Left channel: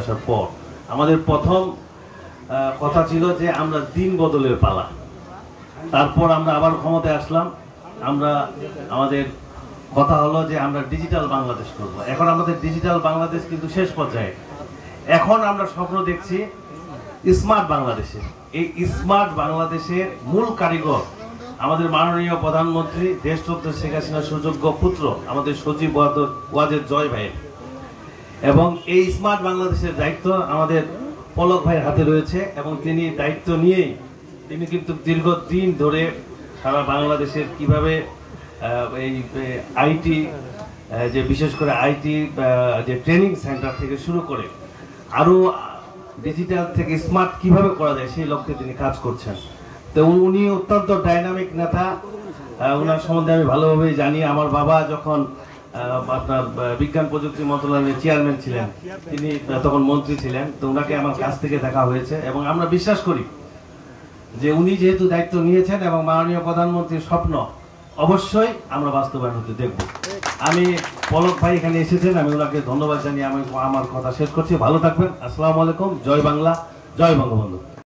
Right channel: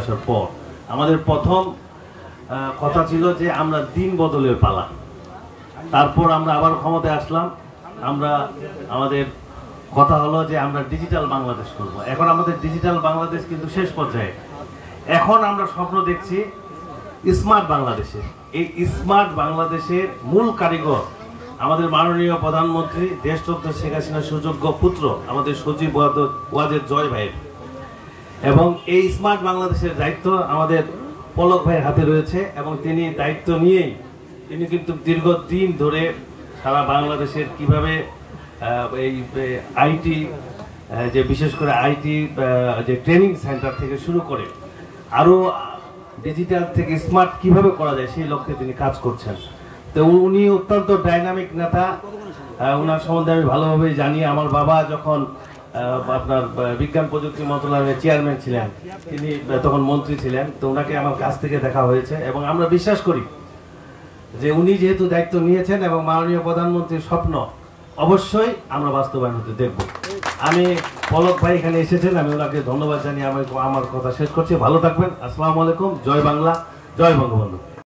আসার পর আমাদের প্রথম কথা ছিল যে আমরা দিন বদলের পালা। তারপর আমরা আবার ক্ষমতায় আসলাম, আমরা আমাদের কথা হলো যে আমরা ডিজিটাল বাংলাদেশ করব। এখন আমাদের ডিজিটাল বাংলাদেশ কিন্তু শেষ পর্যায়ে। এখন আমরা স্বপ্ন দেখছি স্মার্ট বাংলাদেশে। এই স্মার্ট বাংলাদেশের মূল কারিগর আমাদের মাননীয় প্রধানমন্ত্রী দেশরত্ন শেখ হাসিনার সুযোগ্য পুত্র আমাদের সচিব ওয়াজেদ জয় ভাই, এবং এই স্মার্ট বাংলাদেশের দায়িত্ব আমাদের পলক ভাইয়ের হাতে রয়েছে। এবং তিনি দায়িত্ব নিয়েই তিনি কিন্তু দীর্ঘদিন ধরে সারা বাংলাদেশের কিভাবে এই আইটি যে বিশেষ করে আইটি যে ট্রেনিং সেন্টার থেকে শুরু করে আরও ডিজিটাল থেকে স্মার্ট কিভাবে করা যায় সেই লক্ষ্যে তিনি কাজ করছেন। তো উনি অত্যন্ত ডাইনামিক নেতা, ওনার সম্বন্ধে আমি ভালোভাবেই জানি। আমার বাবা যখন আপনার বিজ্ঞান প্রযুক্তি মন্ত্রণালয়ের চেয়ারম্যান ছিলেন, তিনি তখন মন্ত্রী ছিলেন, তো ওনাকে আমার কাছ থেকে দেখা হয়েছে। এবং আমরা বিশ্বাস করি যে উনি যেহেতু দায়িত্ব নিয়েছেন এবং মাননীয় প্রধানমন্ত্রীর স্বপ্ন অবশ্যই আমরা বাস্তবায়ন হতে দেখব। আমি পলক ভাই এখানে এসেছেন, আমি ওনাকে ধন্যবাদ জানিয়ে আমি আমার কথা শেষ করছি। ভালো থাকবেন। আসসালামু আলাইকুম। জয় বাংলা, জয় বঙ্গবন্ধু।